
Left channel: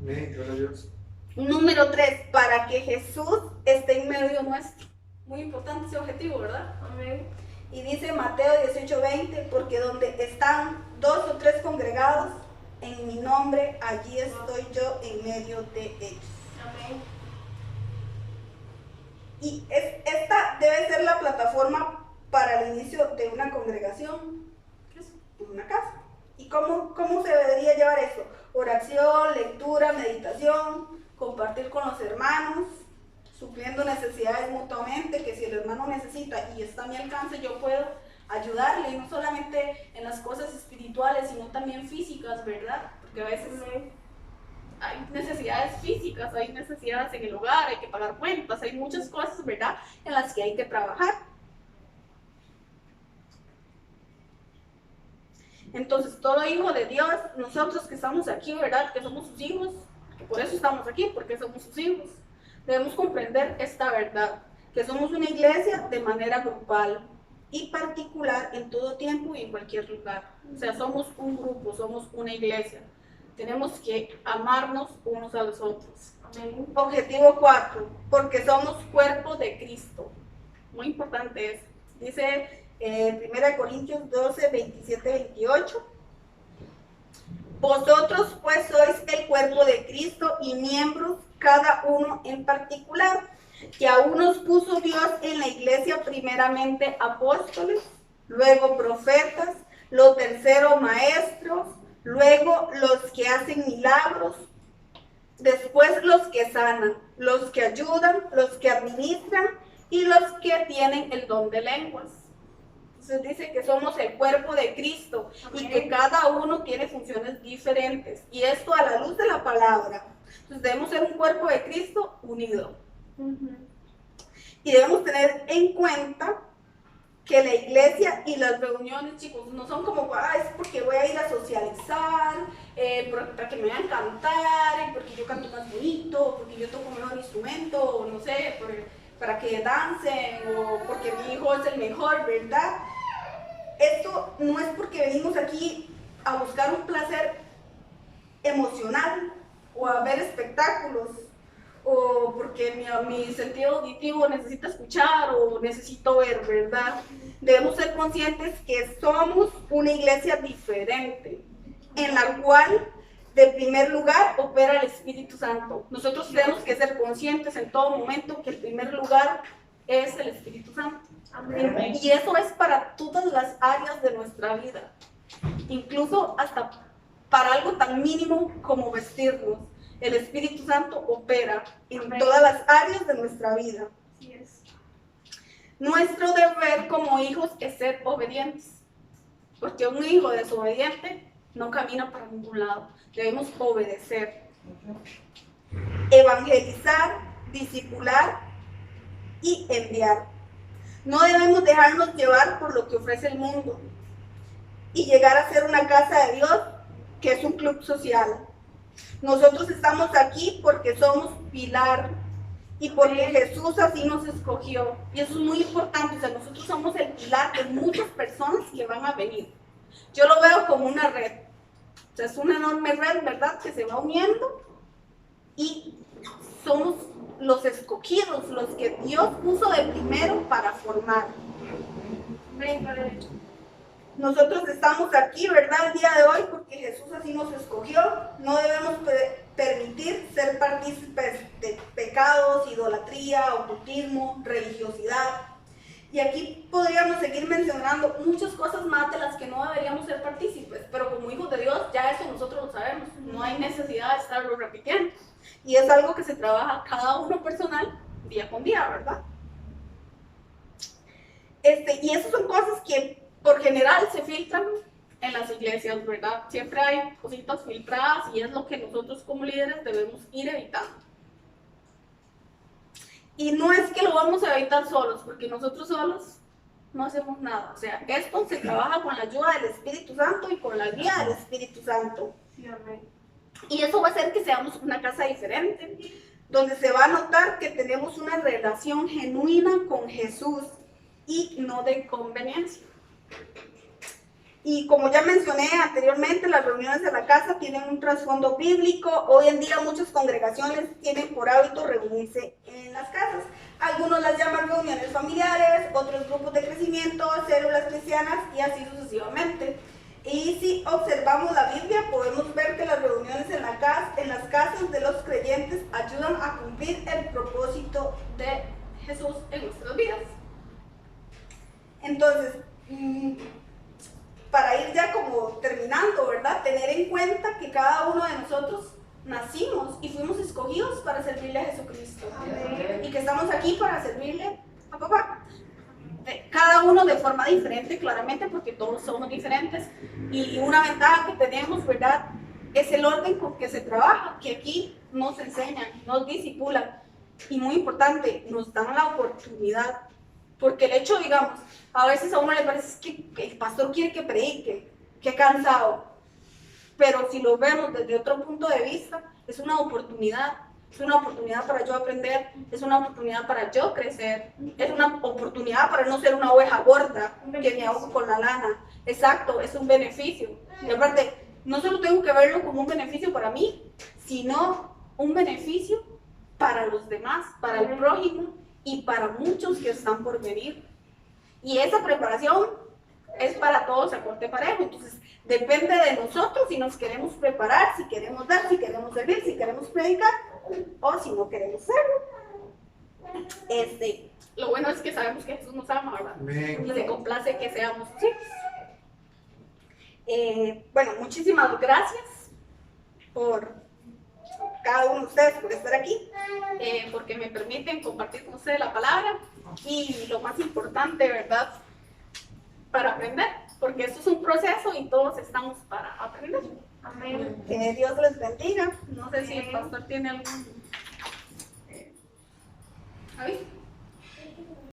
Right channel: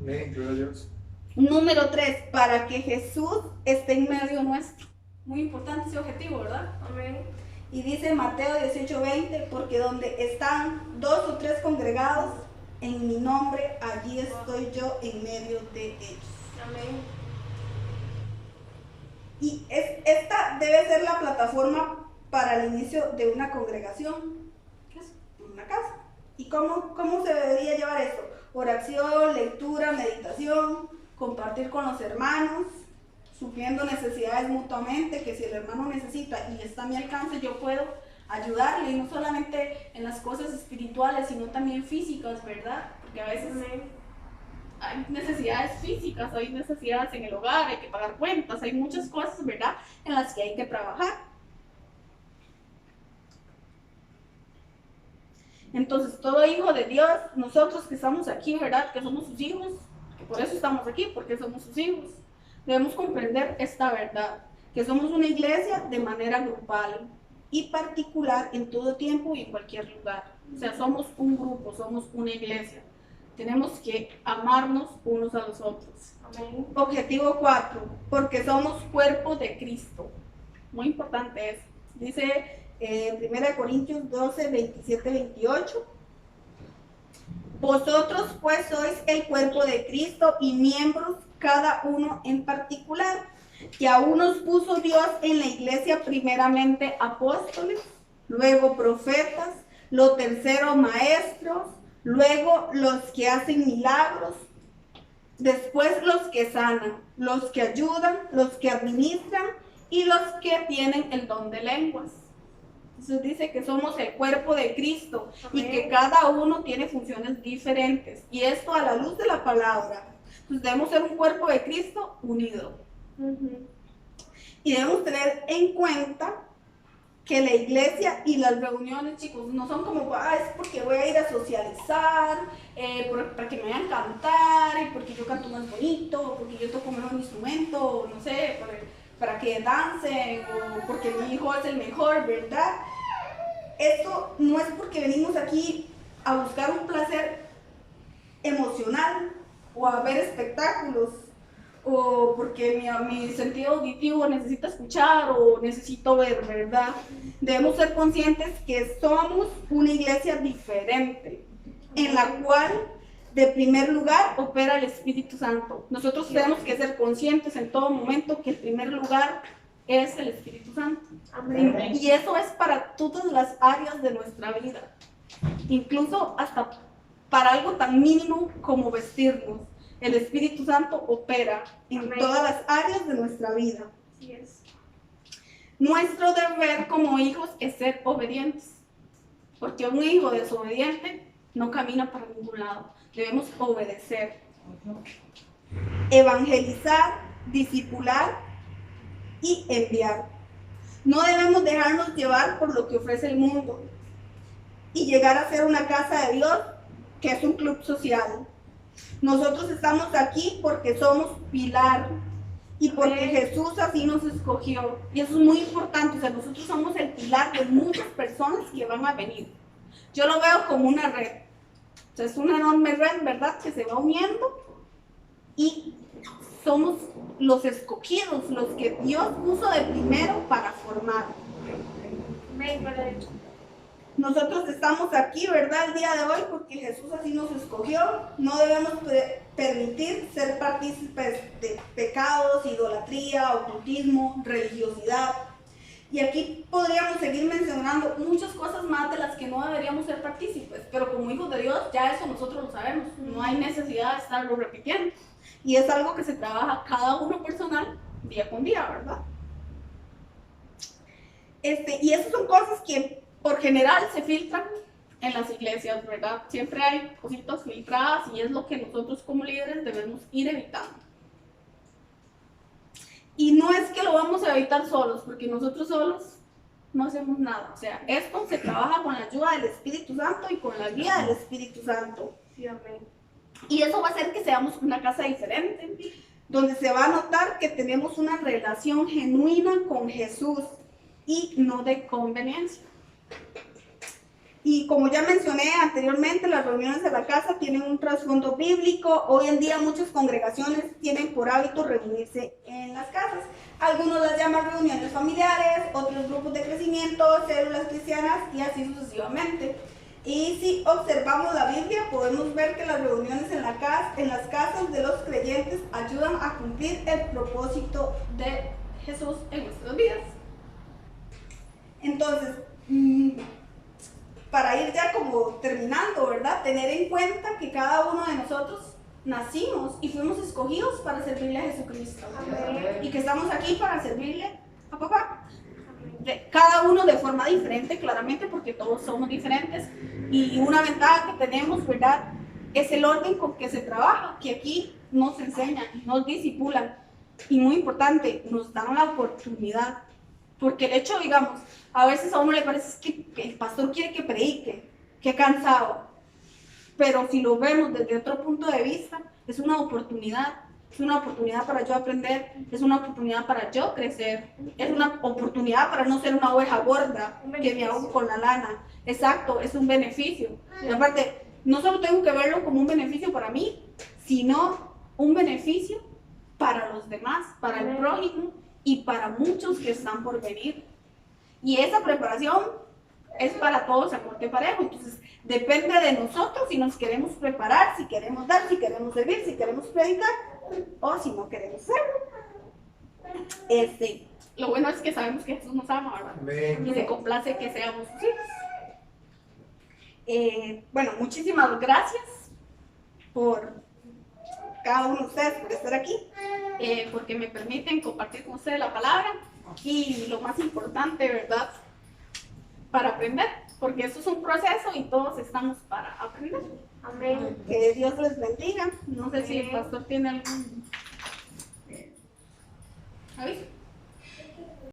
Gloria a Dios. Número 3, para que Jesús esté en medio nuestro. Muy importante ese objetivo, ¿verdad? Amén. Y dice Mateo 18:20, porque donde están 2 o 3 congregados en mi nombre, allí estoy yo en medio de ellos. Amén. Y esta debe ser la plataforma para el inicio de una congregación, que es una casa. ¿Y cómo se debería llevar esto? Oración, lectura, meditación, compartir con los hermanos, supliendo necesidades mutuamente, que si el hermano necesita y está a mi alcance, yo puedo ayudarle, y no solamente en las cosas espirituales, sino también físicas, ¿verdad? Porque a veces hay necesidades físicas, hay necesidades en el hogar, hay que pagar cuentas, hay muchas cosas, ¿verdad?, en las que hay que trabajar. Entonces, todo hijo de Dios, nosotros que estamos aquí, ¿verdad? Que somos sus hijos, que por eso estamos aquí, porque somos sus hijos, debemos comprender esta verdad, que somos una iglesia de manera grupal y particular en todo tiempo y en cualquier lugar. O sea, somos un grupo, somos una iglesia. Tenemos que amarnos unos a los otros. Amén. Objetivo 4, porque somos cuerpo de Cristo. Muy importante eso. Dice 1 Corintios 12, 27, 28. Vosotros pues sois el cuerpo de Cristo y miembros cada uno en particular, que a unos puso Dios en la iglesia primeramente apóstoles, luego profetas, lo tercero maestros, luego los que hacen milagros, después los que sanan, los que ayudan, los que administran y los que tienen el don de lenguas. Entonces dice que somos el cuerpo de Cristo. Amén. Y que cada uno tiene funciones diferentes. Y esto a la luz de la palabra. Entonces debemos ser un cuerpo de Cristo unido. Y debemos tener en cuenta que la iglesia y las reuniones, chicos, no son como, es porque voy a ir a socializar, para que me vean cantar, porque yo canto más bonito, porque yo toco mejor instrumento, o no sé, para que dancen, o porque mi hijo es el mejor, ¿verdad? Esto no es porque venimos aquí a buscar un placer emocional, o a ver espectáculos, o porque mi sentido auditivo necesita escuchar o necesito ver, ¿verdad? Debemos ser conscientes que somos una iglesia diferente, en la cual de primer lugar opera el Espíritu Santo. Nosotros tenemos que ser conscientes en todo momento que el primer lugar es el Espíritu Santo. Amén. Y eso es para todas las áreas de nuestra vida, incluso hasta para algo tan mínimo como vestirnos. El Espíritu Santo opera en Amén. Todas las áreas de nuestra vida. Así es. Nuestro deber como hijos es ser obedientes, porque un hijo desobediente no camina para ningún lado. Debemos obedecer, evangelizar, discipular y enviar. No debemos dejarnos llevar por lo que ofrece el mundo y llegar a ser una casa de Dios que es un club social. Nosotros estamos aquí porque somos pilar y porque Jesús así nos escogió. Y eso es muy importante. O sea, nosotros somos el pilar de muchas personas que van a venir. Yo lo veo como una red. O sea, es una enorme red, ¿verdad? Que se va uniendo y somos los escogidos, los que Dios puso de primero para formar. Nosotros estamos aquí, ¿verdad? El día de hoy porque Jesús así nos escogió. No debemos permitir ser partícipes de pecados, idolatría, ocultismo, religiosidad. Y aquí podríamos seguir mencionando muchas cosas más de las que no deberíamos ser partícipes, pero como hijos de Dios ya eso nosotros lo sabemos, no hay necesidad de estarlo repitiendo. Y es algo que se trabaja cada uno personal, día con día, ¿verdad? Y esas son cosas que por general se filtran en las iglesias, ¿verdad? Siempre hay cositas filtradas y es lo que nosotros como líderes debemos ir evitando. Y no es que lo vamos a evitar solos, porque nosotros solos no hacemos nada. O sea, esto se trabaja con la ayuda del Espíritu Santo y con la guía del Espíritu Santo. Sí, amén. Y eso va a hacer que seamos una casa diferente, donde se va a notar que tenemos una relación genuina con Jesús y no de conveniencia. Y como ya mencioné anteriormente, las reuniones de la casa tienen un trasfondo bíblico. Hoy en día muchas congregaciones tienen por hábito reunirse en las casas. Algunos las llaman reuniones familiares, otros grupos de crecimiento, células cristianas y así sucesivamente. Y si observamos la Biblia, podemos ver que las reuniones en las casas de los creyentes ayudan a cumplir el propósito de Jesús en nuestras vidas. Entonces, para ir ya como terminando, ¿verdad? Tener en cuenta que cada uno de nosotros nacimos y fuimos escogidos para servirle a Jesucristo. Amén. Y que estamos aquí para servirle a papá. Cada uno de forma diferente, claramente, porque todos somos diferentes. Y una ventaja que tenemos, ¿verdad? Es el orden con que se trabaja, que aquí nos enseñan, nos disipulan. Y muy importante, nos dan la oportunidad. Porque el hecho, digamos, a veces a uno le parece que el pastor quiere que predique, qué cansado. Pero si lo vemos desde otro punto de vista, es una oportunidad. Es una oportunidad para yo aprender, es una oportunidad para yo crecer, es una oportunidad para no ser una oveja gorda que me ahogo con la lana. Exacto, es un beneficio. Y aparte, no solo tengo que verlo como un beneficio para mí, sino un beneficio para los demás, para el prójimo y para muchos que están por venir. Y esa preparación es para todos a corte parejo. Entonces, depende de nosotros si nos queremos preparar, si queremos dar, si queremos servir, si queremos predicar o si no queremos serlo. Lo bueno es que sabemos que Jesús nos ama, ¿verdad? Amén. Y le complace que seamos sus hijos. Bueno, muchísimas gracias por cada uno de ustedes por estar aquí, porque me permiten compartir con ustedes la palabra y lo más importante, ¿verdad? Para aprender, porque esto es un proceso y todos estamos para aprender. Amén. Que Dios les bendiga. No sé si el pastor tiene algún aviso.